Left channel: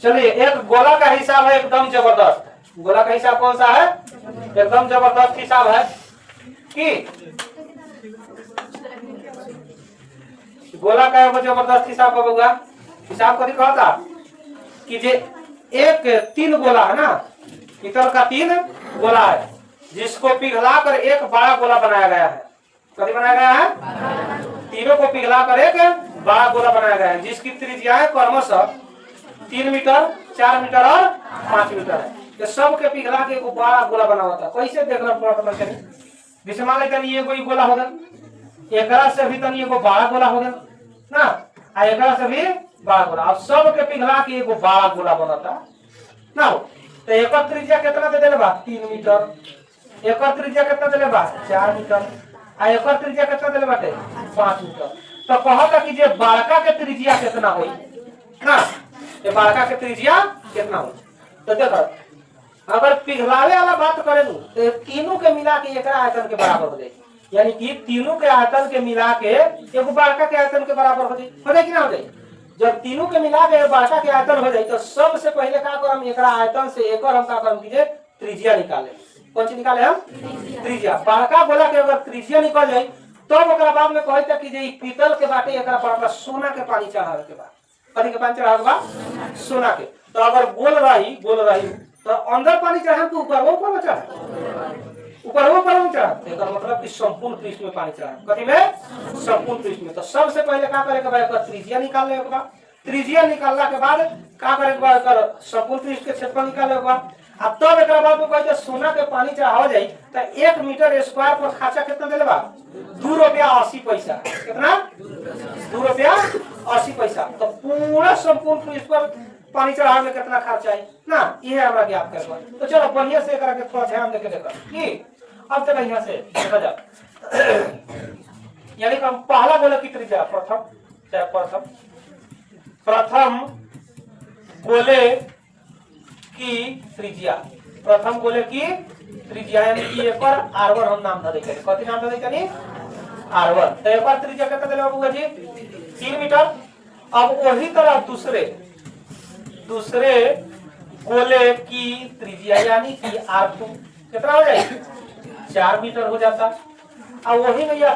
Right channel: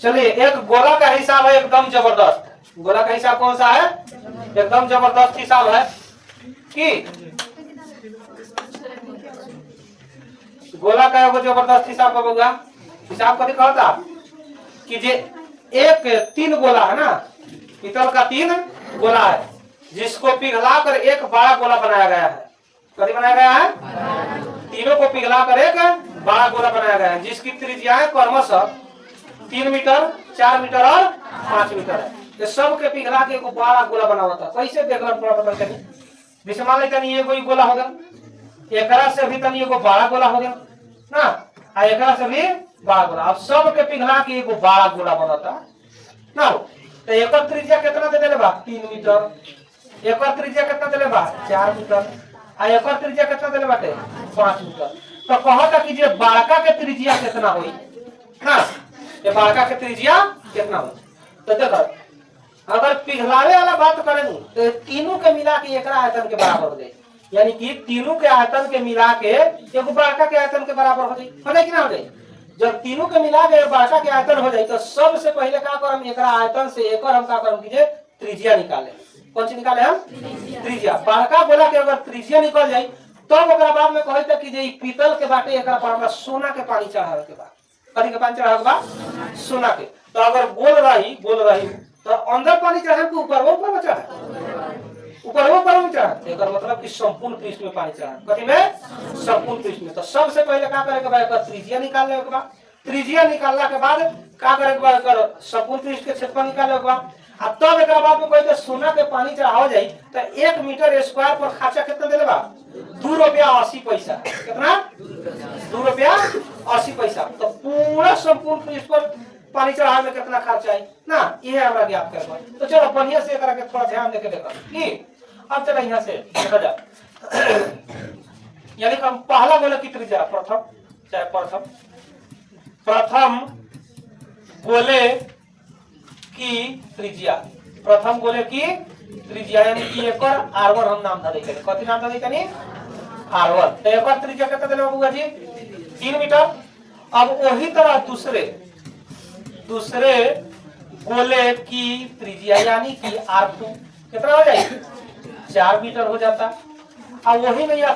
चलिए एक गोला का हिसाब है एकदम जबरदस्त। गोला का हिसाब कौन सा है? एकदम जबरदस्त हिसाब है कि गोला का एगो जबरदस्त हिसाब का होगा। हिसाब कभी कहता कि जे एक तीन गोला है ना, पीतल का तीन गोला है जिसको पिघला कर एक बड़ा गोला बनाया गया है। कभी बनाया गया है? तीनों को पिघला कर एक बड़ा गोला बनाया गया है जिसकी त्रिज्या है क्रमशः 3 मीटर, 4 मीटर और 5 मीटर है। ये सब के पिघला के एक बड़ा गोला बना हुआ था। कैसे देखना पता चले? विषमा ये कोई गोला हो गया, एकरा से भी तनी एगो बड़ा गोला हो गया ना, आ एकरा से भी बड़ा गोला। अब सब के पिघला के एगो बड़ा गोला बनता ना। तो एकर त्रिज्या कितना दे देले बा? 3 मीटर। एकर त्रिज्या कितना देले बा? 4 मीटर। आ एकर त्रिज्या कितना देले बाटे? 5 मीटर। तो कहता कि जे बड़का के त्रिज्या कितना होई ना, ये बड़का के त्रिज्या कितना होई? तो देखो अगर पिघलावे वाला बात करें तो तीनों के मिला के एकरा आयतन के बराबर हो जाए, यानी कि तीनों के आयतन के मिला के एगो बड़का के आयतन के बराबर हो जाए कि ना हो जाए? जब तीनों के मिला के बड़का के आयतन हो जाए तो सबसे पहले का करम एकरा आयतन से एकर हम का करम कीजिए त्रिज्या निकाले। कौन सी निकाले हम? त्रिज्या। बड़का गोला के अगर त्रिज्या निकल जाए तो ओकरा बाद में कहता कि जे पीतल के बाटे एकरा पर सोना के पानी चढ़ावे के बाद, कथी के पानी चढ़ावे के बाद? सोना के। तो अगर गोल रही तो अंदर पानी चढ़ाए के ऊपर में चढ़ाए, ऊपर में चढ़ाए। एकर मतलब कि संपूर्ण पृष्ठ में पानी चढ़ाए। कथी में? संपूर्ण पृष्ठ में। तो सबसे पहले का करे के बा? एकर त्रिज्या निकालने के बाद, त्रिज्या निकालना के बाद का करे के बा? एकर संपूर्ण पृष्ठ के क्षेत्रफल निकाले के बाद। अब तब एकरा बाद में कहते सोना के पानी चढ़ावा जाई तो 1 मीटर स्क्वायर पर खर्चा कितना देले बा? 2 रुपया 80 पैसा। कितना? 2 रुपया 80 पैसा। तो पूरा संपूर्ण पृष्ठ पर पानी चढ़ाने में कितना खर्चा है ना, ये हमरा ज्ञात करबा। तो चलो बढ़िया से एकरा के थोड़ा ध्यान देके देखो कि अब चलो यहां से देखा जा। यानी हम पहला गोले की त्रिज्या प्रथम गोले की त्रिज्या, प्रथम गोले की त्रिज्या यानी कि एकर r1 हम नाम धरे। कथी नाम धरे कनी? r1। तो एकर त्रिज्या कितना देले बाबूगा जी? 3 मीटर। अब वही तरह दूसरे गोले की त्रिज्या यानी कि r2 कितना हो जाए? 4 मीटर हो जाता। अब वही में यह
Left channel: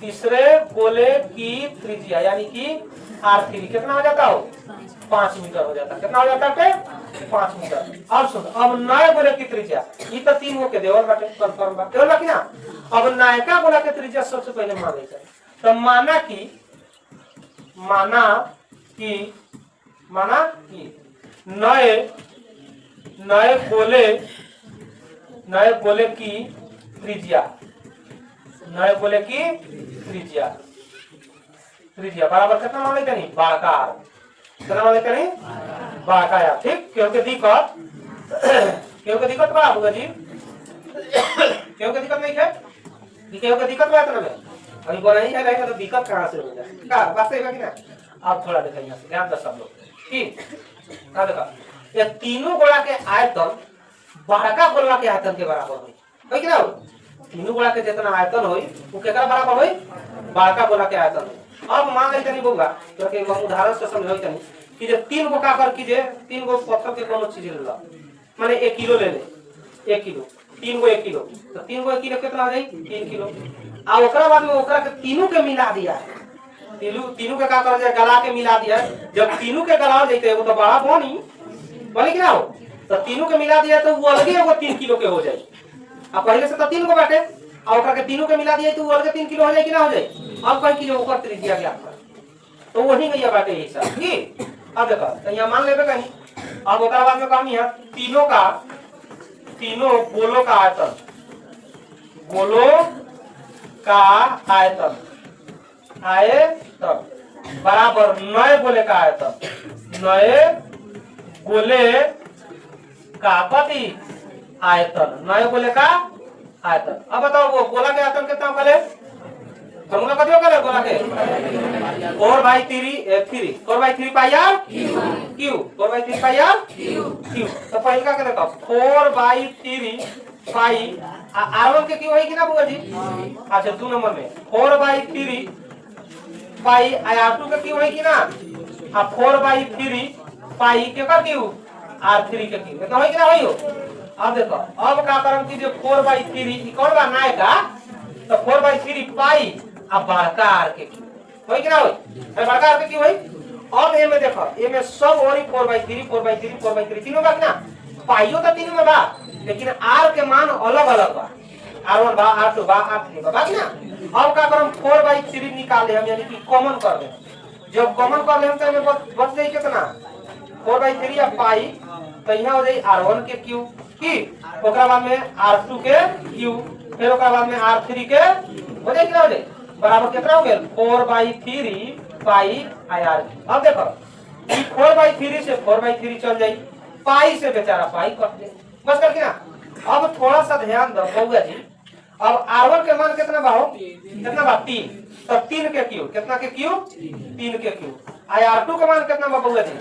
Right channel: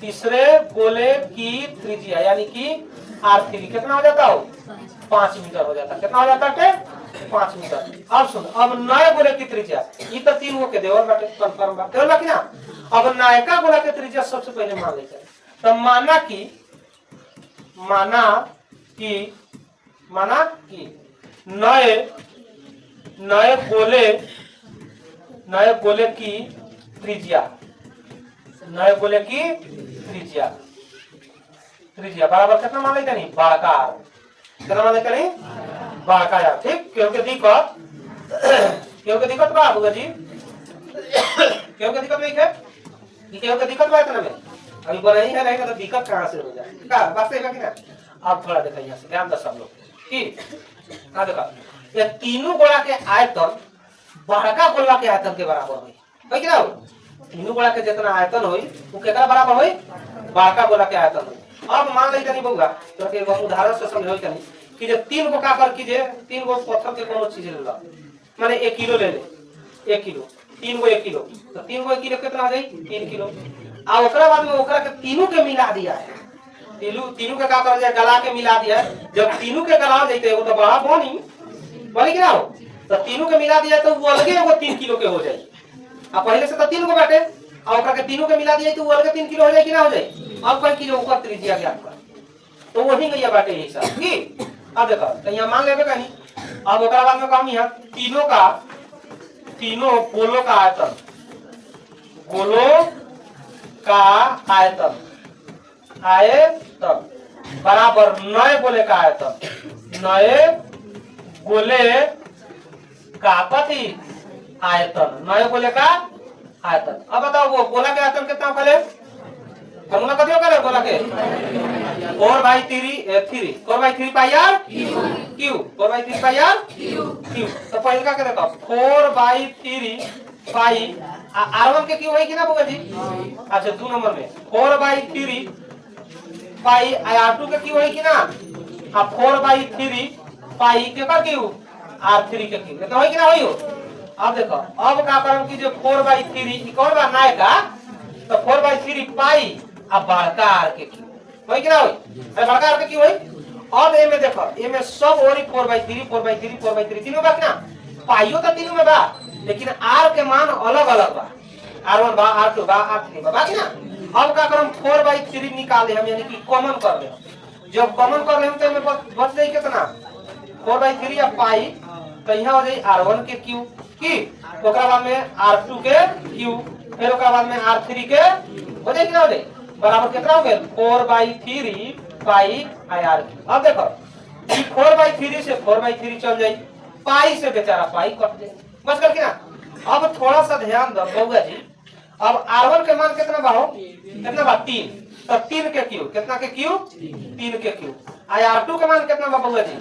तीसरे गोले की त्रिज्या यानी कि r3 कितना हो जाता हो? 5 मीटर हो जाता। कितना हो जाता है? 5 मीटर। अब सुन, अब नए गोले की त्रिज्या ये तो 3 गो के देवल बाटे, कंफर्म बात देवल बाकी ना। अब नयका गोला के त्रिज्या सबसे पहले मान लेते हैं। तो माना कि नए गोले की त्रिज्या बराबर कितना मान लेते नहीं? बड़का। कितना मान लेते नहीं? बड़का यार। ठीक। क्योंकि दिक्कत बा होगा जी, क्योंकि दिक्कत नहीं है, क्योंकि दिक्कत बात ना में अभी बनाई है रहेगा तो दिक्कत कहां से हो जाए का बात है कि ना। आप थोड़ा देखो यहां से ध्यान दो सब लोग की का देखा ये तीनों गोला के आयतन बड़का गोला के आयतन के बराबर होई कि ना? तीनों गोला के जितना आयतन होई वो केकरा बराबर होई? बड़का गोला के आयतन होई। अब मान ली तनी बोगा तो के उदाहरण से समझो तनी कि जे 3 गो का कर की जे 3 गो पत्थर के कोनो चीज ले लो, माने 1 किलो ले ले, 1 किलो 3 गो 1 किलो, तो 3 गो 1 किलो कितना आ जाई? 3 किलो। आ ओकरा बाद में ओकरा के तीनों के मिला दिया है, तीनों के का कर जाए? गला के मिला दिया है। जब तीनों के गला देते वो तो बड़ा बनी कि ना हो, तो तीनों के मिला दिया तो वो अलगे वो 3 किलो के हो जाए। अब पहले से तो 3 गो बाटे और ओकरा के तीनों के मिला दिया तो वो अलगे 3 किलो हो जाए कि ना हो जाए? अब कहीं किलो ऊपर त्रिज्या ज्ञात कर तो वही गया बाटे यही सब। ठीक। अब देखो तो यहाँ मान लेबे कहीं। अब ओकरा बाद में कहनी है तीनों गोलों का आयतन बराबर नए गोले का आयतन, नए गोले का कथी आयतन, नए गोले का आयतन। अब बताओ वो गोला के आयतन कितना करे? फॉर्मूला कथी करे गोला के? 4/3 pi r cube, 4/3 pi r cube. तो पहले का करे 4/3 पाई r1 के क्यू है कि ना बुआ जी? अच्छा 2 नंबर में 4/3 पाई r2 के क्यू है कि ना? 4/3 पाई के का क्यू R3 के क्यू तो होई कि ना होई हो। अब देखो अब का करम की जो 4/3 ई कौन बा नायका तो 4/3 पाई अब बड़का R के क्यू होई कि ना होई बड़का R के क्यू होई। अब ए में देखो ए में सब और 4/3 तीनों बा कि ना पाइयो तो तीनों में बा लेकिन R के मान अलग अलग बा R1 बा R2 बा R3 बा कि ना। अब का करम 4/3 निकाल दे हम यानी कि कॉमन कर दे जब कॉमन कर लेम तो में बच जाई कितना 4/3 या पाई तो यहाँ हो जाई R1 के क्यू की ओकरा बाद में R2 के क्यू फिर ओकरा बाद में R3 के हो जाई कितना हो जाई बराबर कितना हो गेल 4/3 पाई आर। अब देखो ई 4/3 से 4/3 चल जाई पाई से बेचारा पाई कट जाई बस कर कि ना। अब थोड़ा सा ध्यान दो बउआ जी अब R1 के मान कितना बा हो कितना बा 3 तो 3 के क्यू कितना के क्यू 3 के क्यू R2 के मान कितना बा बउआ जी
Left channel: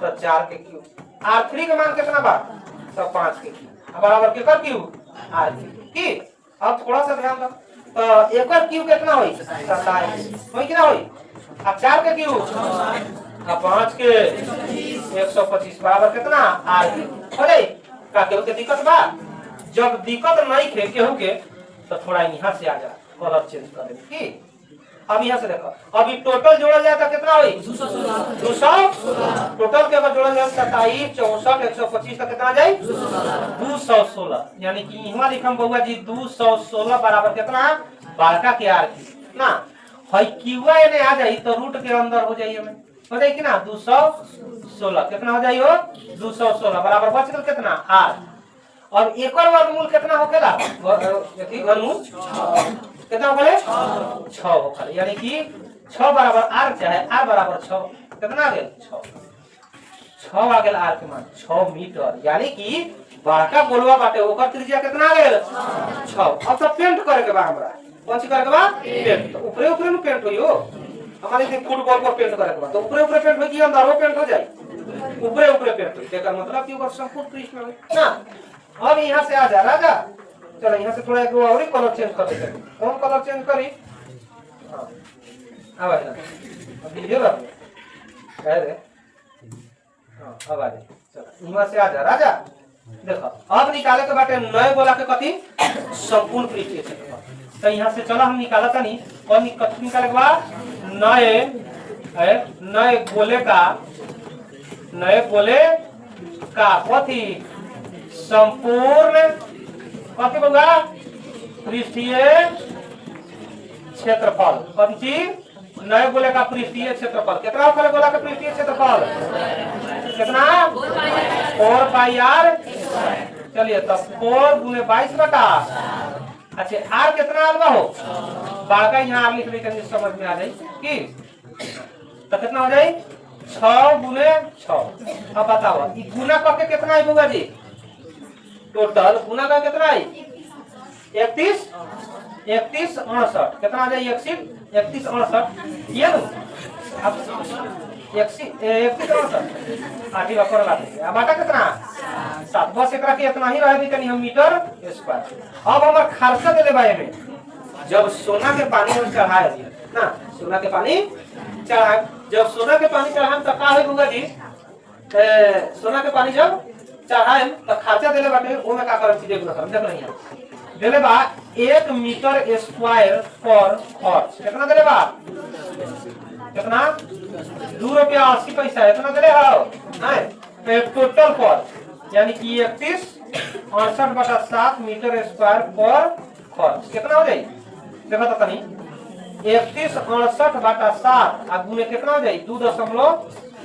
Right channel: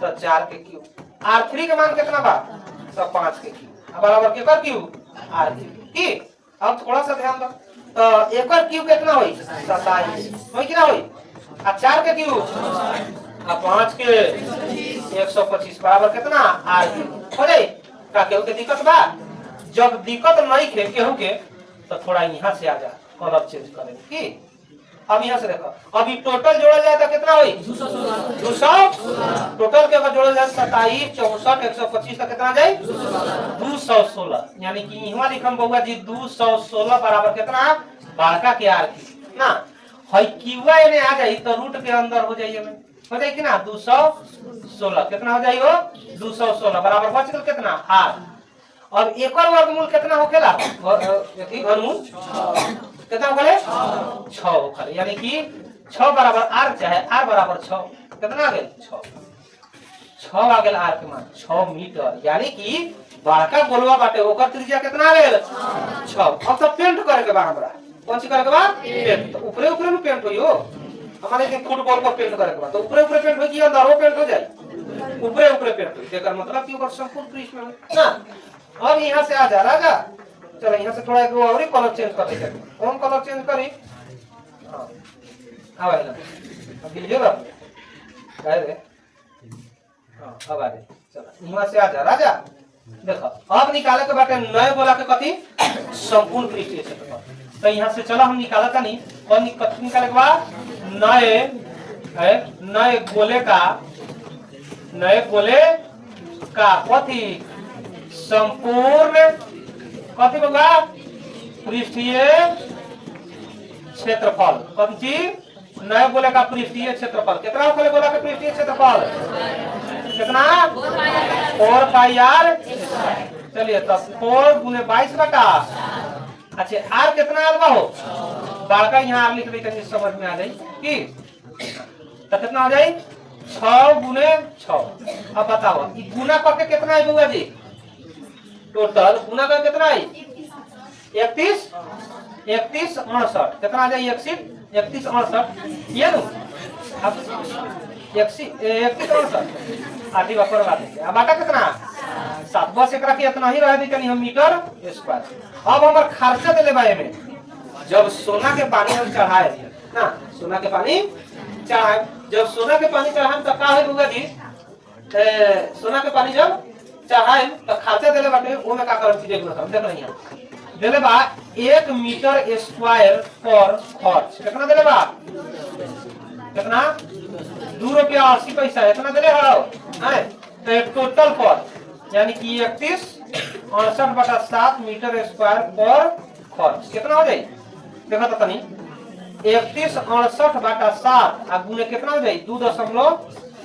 तो 4 के क्यू R3 के मान कितना बा तो 5 के क्यू बराबर के कर क्यू R3 की। अब थोड़ा सा ध्यान दो तो एकर क्यू कितना होई 27 होई कि ना होई अब 4 के क्यू अब 5 के 125 बराबर कितना R हो जाई का केहू के दिक्कत बा जब दिक्कत नहीं खे केहू के तो थोड़ा यहाँ से आ जा कलर चेंज करें की। अब यहाँ से देखो अभी टोटल जोड़ा जाए तो कितना हुई 200 टोटल के अगर जोड़ा जाए 27 64 125 का कितना जाए 216 यानी कि यहाँ लिखम बउआ जी 216 बराबर कितना बड़का के आर की ना हई क्यूआ ने आ जाई तो रूट के अंदर हो जाइए में हो जाए कि ना 216 कितना हो जाई हो 216 बराबर बच गल कितना आर। अब एकर वर्गमूल कितना होखेला यदि वर्गमूल कितना होखेले 6 होखेले यानी कि 6 बराबर r चाहे r बराबर 6 कितना आ गेल 6 आ गेल r के मान 6 मीटर यानी कि बड़का गोलवा बाटे ओकर त्रिज्या कितना आ गेल 6। अब तो पेंट करे के बा हमरा कौन सी करे के बा पेंट तो ऊपरे ऊपरे में पेंट होई हो हमारे के फुटबॉल पर पेंट करे के बा तो ऊपरे ऊपरे पेंट होई कि अंदर वो पेंट हो जाए ऊपरे ऊपरे पेंट होई एकर मतलब कि ओकर संपूर्ण पृष्ठ में ना। अब यहाँ से आ जा राजा चलो यहाँ से थोड़ा एक और कलर चेंज कर देते कौन कलर चेंज करी अब आइला अब ये रख कह दे हां अब आ जा चलो यहाँ से आ जा राजा देखो अब निकाले के बाटे नए बोला के कथी संपूर्ण पृष्ठीय क्षेत्रफल तो यहाँ से चलो हम निकाला था नहीं और कथी निकाले के बाद नए गोले का कथी संपूर्ण कथी बउआ पृष्ठीय क्षेत्रफल कौन चीज नए गोले का पृष्ठीय क्षेत्रफल कितना होखेला गोला का पृष्ठीय क्षेत्रफल कितना 4 पाई आर चलिए तो 4 गुने 22 बटा अच्छा आर कितना आल बा हो बाका यहाँ आर लिख दे समझ में आ जाए की तो कितना हो जाए 6 गुने 6। अब बताओ ये गुना करके कितना है बउआ जी टोटल गुना का कितना है 31 69 कितना आ जाए 31 69 ये नो अब 31 69 आधी वापर ला दे अब बाटा कितना 7 बस एकरा के इतना ही रह दी तनी हम मीटर स्क्वायर। अब हमर खर्चा देले बाए में जब सोना के पानी हम चढ़ाए दिए ना सोना के पानी चढ़ाए जब सोना के पानी चढ़ाए तो का है बउआ जी सोना के पानी जब चढ़ाए तो खर्चा देले बाटे वो में का करम चीज गुना करम देख नहीं देले बा 1 मीटर स्क्वायर पर खर्च कितना देले बा कितना 2 रुपया 80 पैसा इतना देले हो हैं तो टोटल पर यानी कि 31 68 बटा 7 मीटर स्क्वायर पर खर्च कितना हो जाए देखो तो तनी 31 68 बटा 7 आ गुने कितना हो जाए 2 दशमलव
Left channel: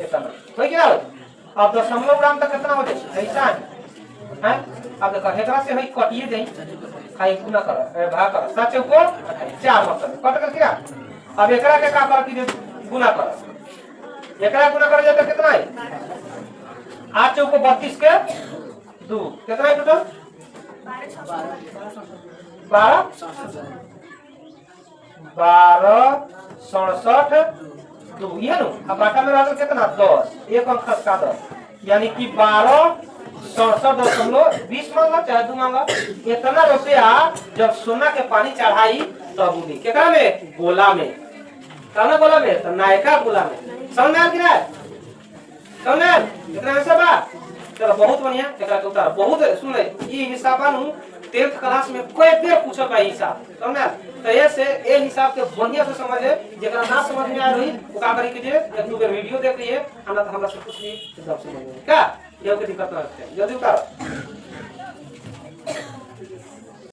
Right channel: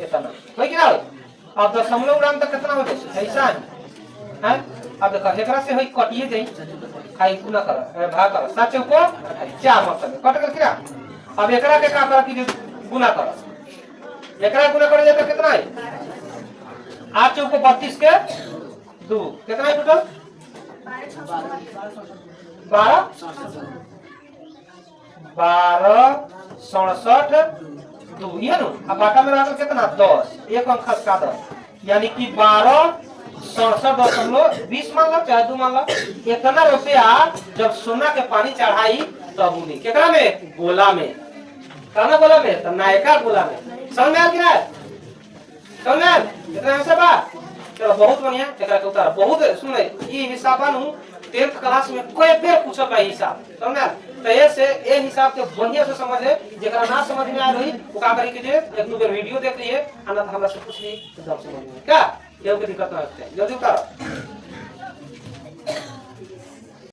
इतना होई कि ना हो। अब दशमलव ग्राम तक कितना हो जाए ऐसा है अब देखो एकरा से होई कटिए जाई खाई गुना कर भाग कर 7 चौको 4 मतलब कट कर किरा। अब एकरा के का कर कि गुना कर एकरा गुना कर जाए तो कितना है 8 चौको 32 के 2 कितना है टोटल 12 67 2 ये नो अब बाटा में वाला कितना 10 एक अंक का 10 यानी कि 12 67.20 मांगा चाहे 2 मांगा इतना रुपया जब सोना के पानी चढ़ाई तब मिली केकरा में गोला में काना गोला में तो नायका गोला में समझ में आ कि ना समझे इतना में से बात। चलो बहुत बढ़िया एकरा के उतार बहुत सुन ई हिसाब बानू 10th क्लास में कोई बेर पूछल बा हिसाब समझे। तो ऐसे ए हिसाब के बढ़िया से समझे जेकरा ना समझ में आ रही वो का करी के जे एक दो बेर वीडियो देख लिए आना तो हमरा से पूछ ली एकदम समझ में क्या ये कोई दिक्कत ना होते जल्दी उतार।